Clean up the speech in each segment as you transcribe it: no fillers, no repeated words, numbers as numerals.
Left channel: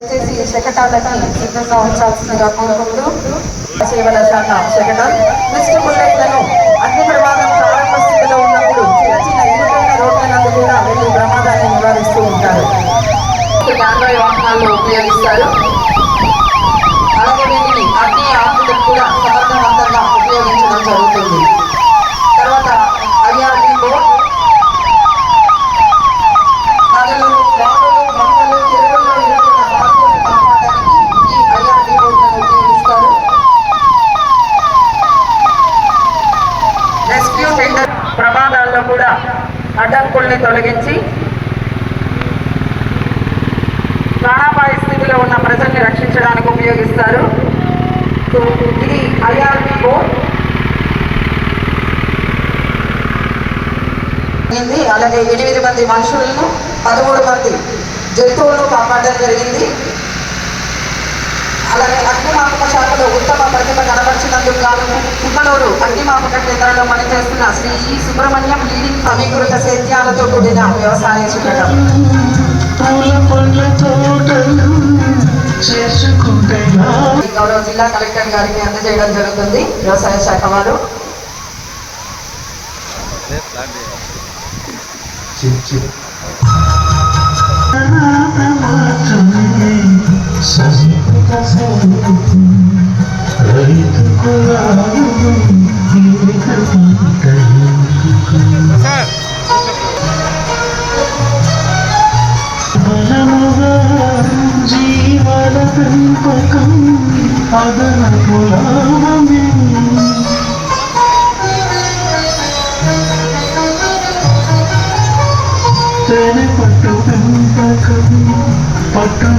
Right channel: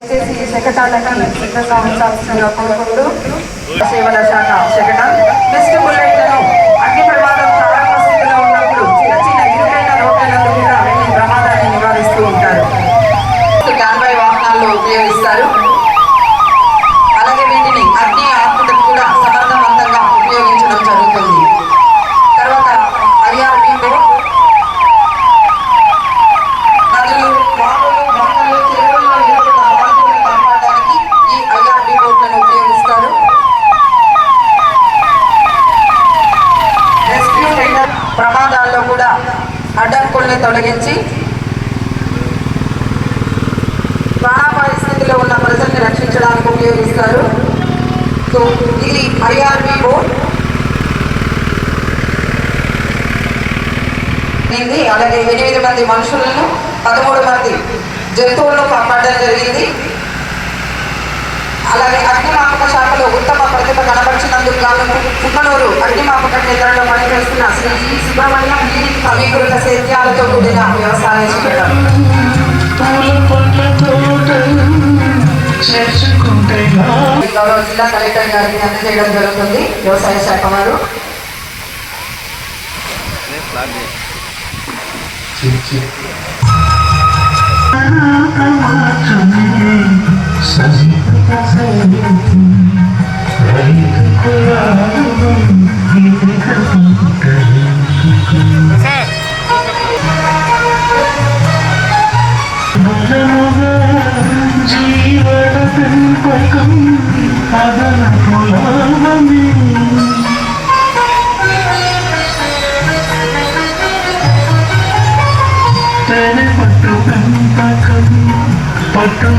శకటాలకి సిద్ధంగా ఉంచాల్సిన కోరుకుంటూ సేవల శాఖ శకటం మిస్టర్ బుల్లెట్లను అగ్ని ప్రమాదం ప్రారంభ స్థితిలో ఉన్నప్పుడు చిన్న చిన్న ఇరుకైన రోడ్లను కూడా వెళ్ళి ప్రమాదాన్ని నివారిస్తూ ఉంటారు. కాన్వాయ్ వాహనాల్లో ఉపయోగిస్తారు. అలాగే వీటిని అగ్ని ఆపులకు కూడా సమర్థవంతంగా ఉపయోగించడం జరుగుతుంది. తర్వాత ఐఆర్బీ బోర్డ్ నదులు, వాగులు, వంకలు, చెరువుల్లో ఇరుకున్న బాధలను కాపాడడానికి ఈ ఐఆర్బీ బోట్లను ఉపయోగిస్తారు. రెస్క్యూ టెండర్ ప్రమాదాల్లో కూడా అడ్డంకుల్ని తొలగించి ప్రాణాపాయ స్థితిలో ఉన్న ప్రజల్ని రక్షించడానికి ఉపయోగిస్తారు. సో ఇది ఐఆర్బీ బోట్. అలాగే 8 మంది మనుషులను 13 మంది జంతువులను కాపాడడం జరిగింది. అలాగే అగ్నిమాపక శాఖలో ఉత్తమ ప్రతిభ కనబరిచినందుకు గాను కుమ్మనూరు అగ్నిమాపక కేంద్రంలో పనిచేస్తున్న శ్రీ జి సుబ్రహ్మణ్యం లీడింగ్ సమీకృత సేద్యాలతో కూడిన వ్యవసాయ శిబిరం. గౌరవ జిల్లా కలెక్టర్ గారికి అందజేయడం జరుగుతుంది వ్యవసాయ శాఖ వారు. జీవన పెంపకం అదన కులామీ తెర పట్టు పెంపకం పట్టు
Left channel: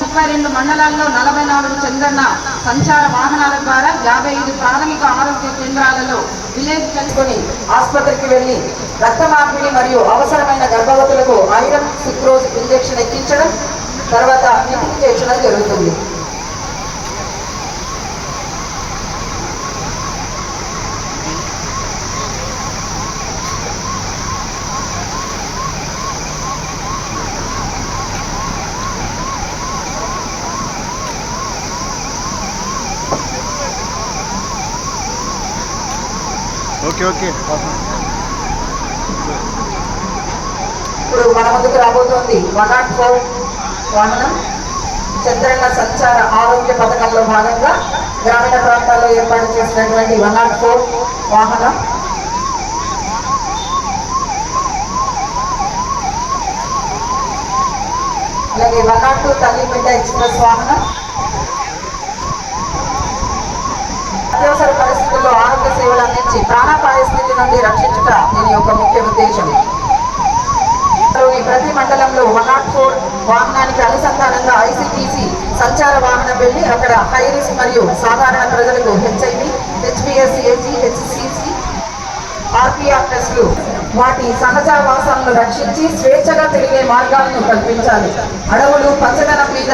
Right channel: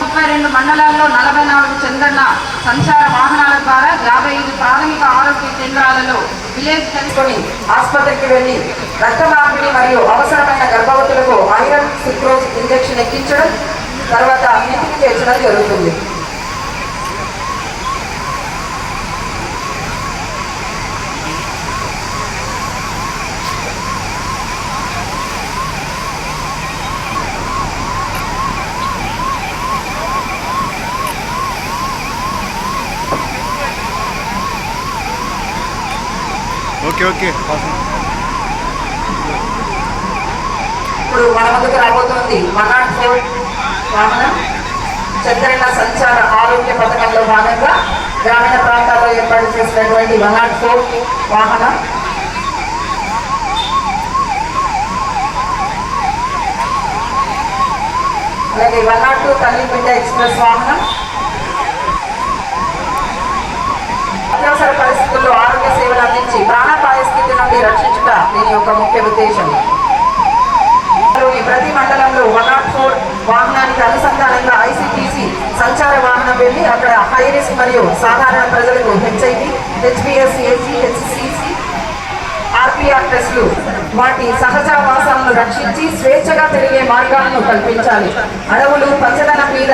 32 మండలాల్లో 44 చంద్రన్న సంచార వాహనాల ద్వారా 55 ప్రాథమిక ఆరోగ్య కేంద్రాలలో విలేజ్ తెలుసుకొని ఆసుపత్రికి వెళ్లి రక్త మార్పిడి మరియు అవసరమైన గర్భవతులకు ఐరన్ సుక్రోజ్ ఇంజెక్షన్ ఎక్కించడం, తర్వాత ఇంటికి చేర్చడం జరుగుతుంది. ఓకే ఇప్పుడు మన ముందుకు రాబోతోంది 104 వాహనం. చంద్రన్న సంచార ఆరోగ్య పథకంలో భాగంగా గ్రామీణ ప్రాంతాల్లో ఏర్పాటు చేసినటువంటి 104 వాహనం. అలాగే 102 తల్లిపేట ఎక్స్ప్రెస్ వాహనం. అత్యవసర పరిస్థితుల్లో ఆరోగ్య సేవలు అందించి ప్రాణాపాయ స్థితి నుండి రక్షించుట దీని యొక్క ముఖ్య ఉద్దేశం. ప్రతి మండలంలో 104 వాహనానికి అనుసంధానంగా ఐసిటిసి సంచార వాహనం వెళ్ళి అక్కడ హై రిస్క్ మరియు సాధారణ ప్రజలకు హెచ్ఐవి, హెచ్బిఎస్సి, హెచ్సిసి, ఆర్పిఆర్ టెస్టులు వాటి సహజావాసాలను రక్షించి స్వేచ్ఛగా తిరిగే మార్గాలను కల్పించాలి. అడవులు, పచ్చదనం మీద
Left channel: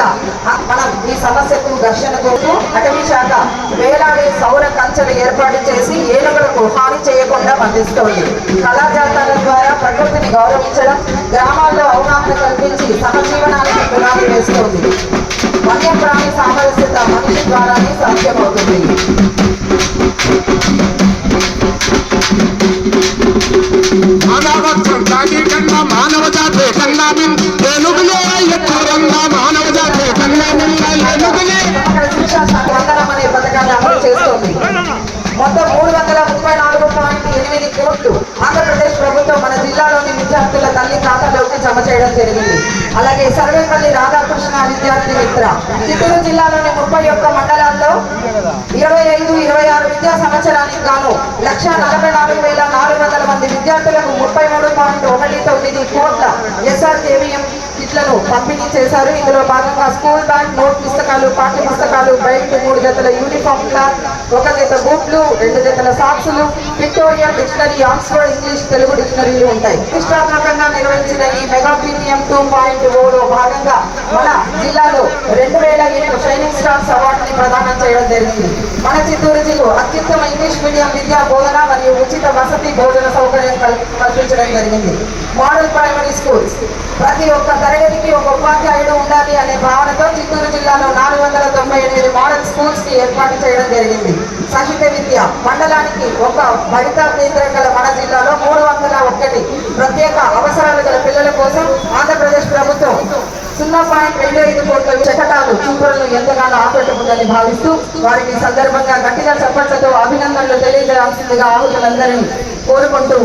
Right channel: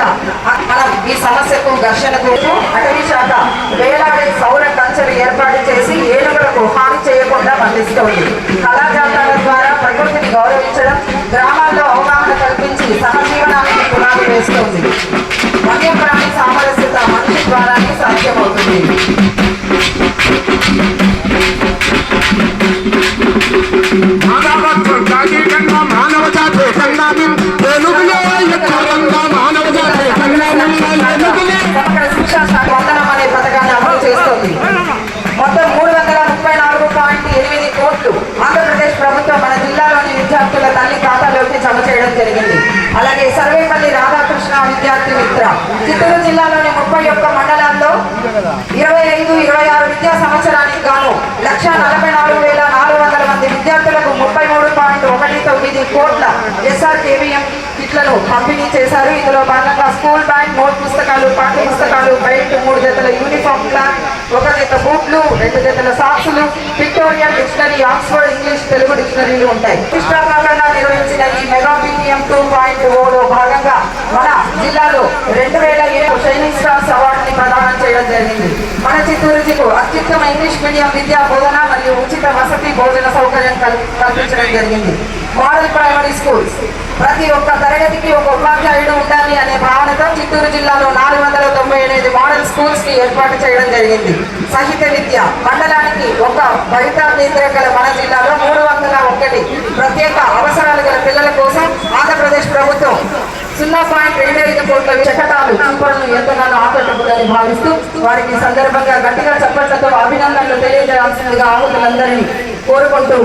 మనం ఈ సమస్యకు ఘర్షణకు అటవీ శాఖ వేలాడే సౌర కంచెలు ఏర్పాటు చేసి ఏనుగులకు హాని చేయకుండా బంధిస్తోంది. కళాజాతాల ద్వారా ప్రకృతిని గౌరవించడం, గ్రామాల్లో అవగాహన కల్పించి సహజీవనానికి పునాది వేస్తోంది. వన్యప్రాణి సామరస్యత మనిషి ద్వారానే సాధ్యమవుతుంది. మానవ జాతి సంగ్రామం అనే పథకాన్ని అమలు చేస్తోంది. మొత్తం 334.8 కోట్లు ఆంధ్రప్రదేశ్ ప్రభుత్వం మన జిల్లాలోని విద్యార్థుల తల్లి ఖాతాలోకి జమ చేయడం జరిగింది. అలాగే సర్వేపల్లి రాధాకృష్ణ విద్యార్థి మిత్ర చిత్తూరు జిల్లాలోని 31 మండలాల్లో 25-26 విద్యా సంవత్సరానికి గాను 1,44,400 మంది విద్యార్థులకు 33.19 కోట్ల SRKVM కిట్లను పంపిణీ చేశారు. ఇందులో భాగంగా స్కూల్ బ్యాగ్, నోట్ పుస్తకాలు, పాఠ్య పుస్తకాలు, బెల్ట్, 3 జతల యూనిఫామ్ క్లాత్, 1 జత బూట్లు, 2 జతల సాక్సులు, pictorial dictionary, Oxford English Telugu డిక్షనరీలు ఉంటాయి. ప్రతిష్టాత్మకంగా నిర్వహించిన ఈ మెగా BPM 2.0లో భాగంగా మన జిల్లాలో 2007 షైనింగ్ స్టార్స్ అవార్డుని ప్రదానం చేయడం జరిగింది. మన చిత్తూరు జిల్లా అత్యుత్తమ ఇంగ్లీష్ మీడియం విద్యా బోధన మరియు ఉచిత వసతి భోజన సౌకర్యం కల్పించడం జరిగింది. మోడల్ ప్రైమరీ స్కూల్స్, ప్రతి ఒక్క తరగతికి ఒక ఉపాధ్యాయుడు ఉండాలి అనే భావనతో చిత్తూరు జిల్లాలో 498 మోడల్ స్కూల్స్ ని ఏర్పాటు చేయడం జరిగింది. సాహిత్య విద్య, మండలానికి ఒక బలిత కేంద్రం గల మన జిల్లాలో 301 ప్రత్యేక అవసరాలు గల పిల్లల కోసం ఆంధ్రప్రదేశ్ ప్రభుత్వం 0.25 కోట్ల శకటాలు చూపులను ఎంతగానో ఆకట్టుకుందని భావిస్తూ వారికి సందర్భంగా గట్టిగా చప్పట్లతో అభినందనలు తెలియజేయాల్సిందిగా ఆహుతులందరినీ కోరుకుంటూ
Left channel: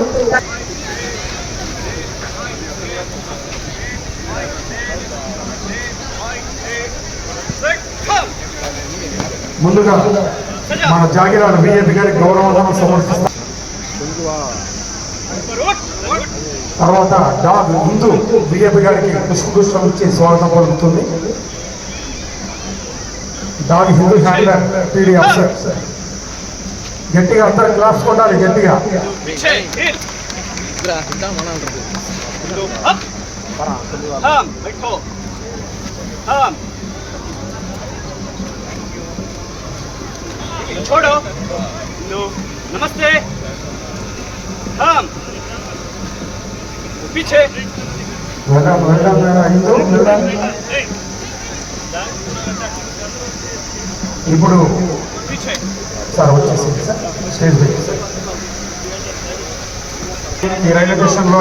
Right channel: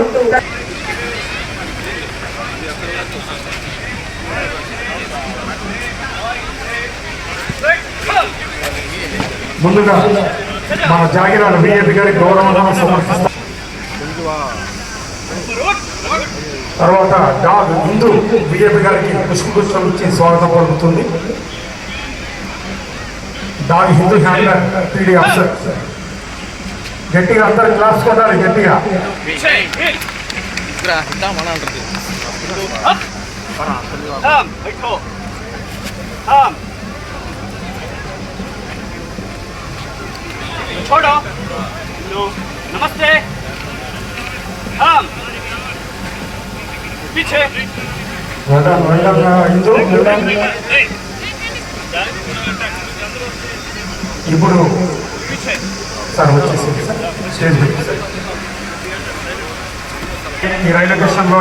ముందుగా మన జాగిరాల బిజెపి గారికి గౌరవం సమర్పిస్తాం. తర్వాత ముందు బిజెపి గారికి పుష్పగుచ్చం ఇచ్చి స్వాగతం పలుకుతుంది. దాని హిందూ హ్యాండర్ పీడీ అఫ్సర్ గట్టిగా అందరూ క్లాస్ కొట్టాలి గట్టిగా. छोड़ो लो नमस्ते हम पीछे ఇప్పుడు సార్ వచ్చేసి స్టేజ్ ఈ రైల్వే స్టేషన్లో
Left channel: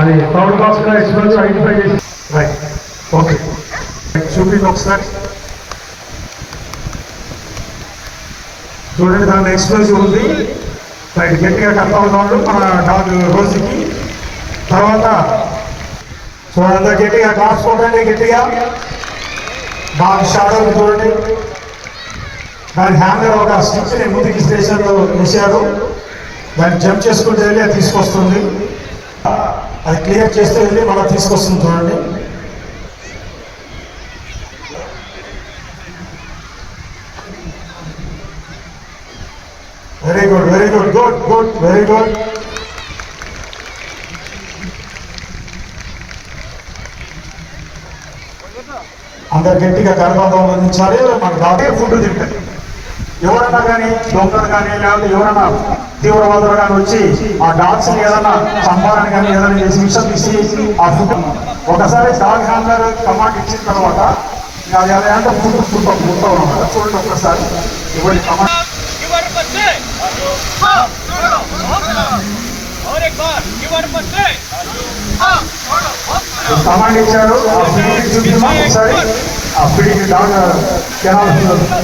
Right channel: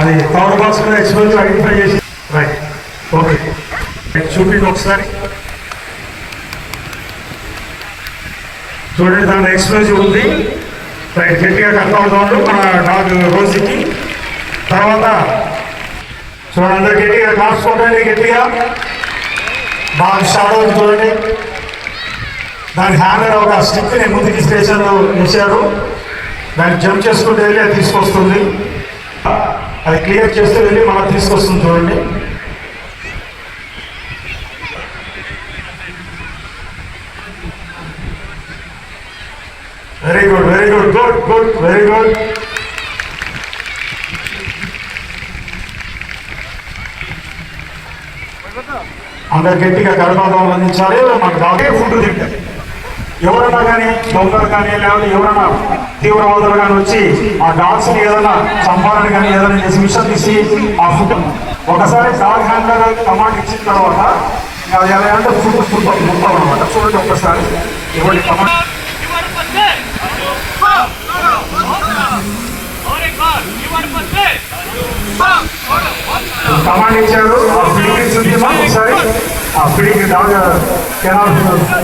అది కవర్ బాక్స్ లో ఎక్స్పెన్స్ ఐడెంటిఫై చేసి రైట్ ఓకే చూపింది ఒకసారి చూడండి. దాని ఎక్స్పెన్స్ ఉంది రైట్. గట్టిగా కడతాం మన డాగ్ రోజుకి. తర్వాత చూడండి అందరు గట్టిగా క్లాస్ కొట్టండి గట్టిగా. బాగా స్టార్ట్ అవుతుంది చూడండి. దాని హ్యాండర్ ఒక స్టిక్ని ముందుకి స్టేషన్లో వేశారు. దాన్ని జంప్ చేసుకుంటూ వెళ్ళి అది తీసుకొస్తుంది. అది క్లియర్ చేస్తూ వెళ్ళి మనం తీసుకొస్తుంది చూడండి. Very good very good good good very good. అందరు గట్టిగా కరపడం అందించాలి. మనకు కాబట్టి ఫుడ్ తింటాయి. ఎవరన్నా కానీ దొంగలు కానీ లేకపోతే ఎవరన్నా తీవ్రవాదులు కానీ వచ్చి ఆ డాగ్స్ ఏదైనా సంపాదన కానీ ఏదైనా చేసి విషయం తీసి ఆ ఫుడ్ ఒకసారి డాగ్ హ్యాండర్ కమాండ్ ఇచ్చిన తర్వాత అది ఎలా అంటే ఫుడ్ ఫుడ్ మొత్తం అనమాట. చూడండి ఒక్కసారి ఎవరి కమాండ్ కమాండ్ ఇచ్చారు. ఆ ఫుడ్ చూపిస్తాం ఒకసారి. ఆ ఫీడింగ్ డాగ్ కెనాల్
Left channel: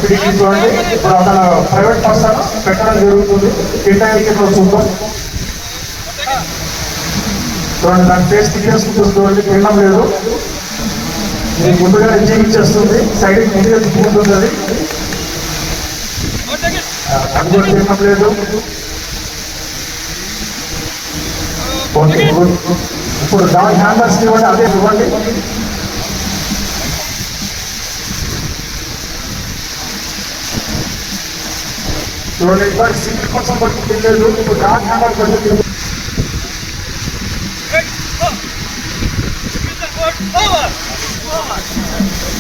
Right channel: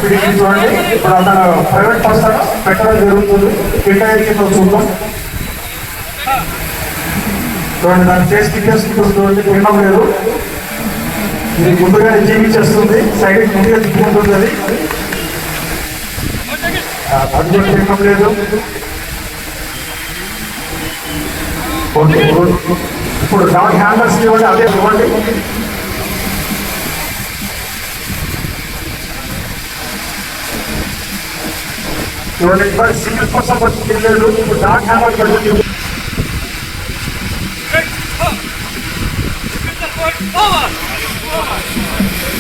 ఫీడింగ్ చూడండి. ఇప్పుడు అతను ప్రైవేట్ పర్సన్ పెట్టడం జరుగుతుంది. కేటాయించిన చూద్దాం చూడండి. దాన్ని చేసి తిప్పేసుకుంటుంది చూడండి. తినడం లేదు. ఇది ముందుగా జీవించేస్తుంది. సైడ్ ముందుగా తిప్పుకుంటుంది. అది కూడా తినడం లేదు. ఇప్పుడు డాగ్ హ్యాండర్స్ ఇవ్వండి. అదే ఇవ్వండి. సింగిల్ కోసం పట్టుకెళ్ళలేదు. డాగ్ హ్యాండర్ పట్టుకెళ్ళి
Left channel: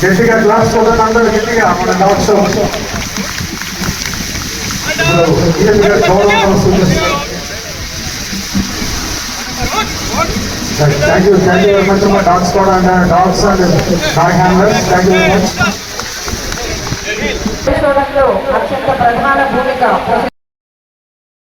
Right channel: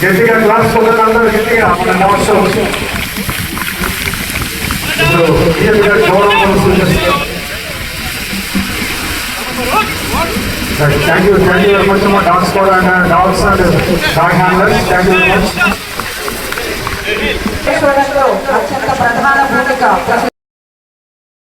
గట్టిగా క్లాస్ కొట్టడం గట్టిగా notes Thank you very much for dog squad and dogs and dog handlers. Thank you very much. అత్యంత ప్రధాన భూమిక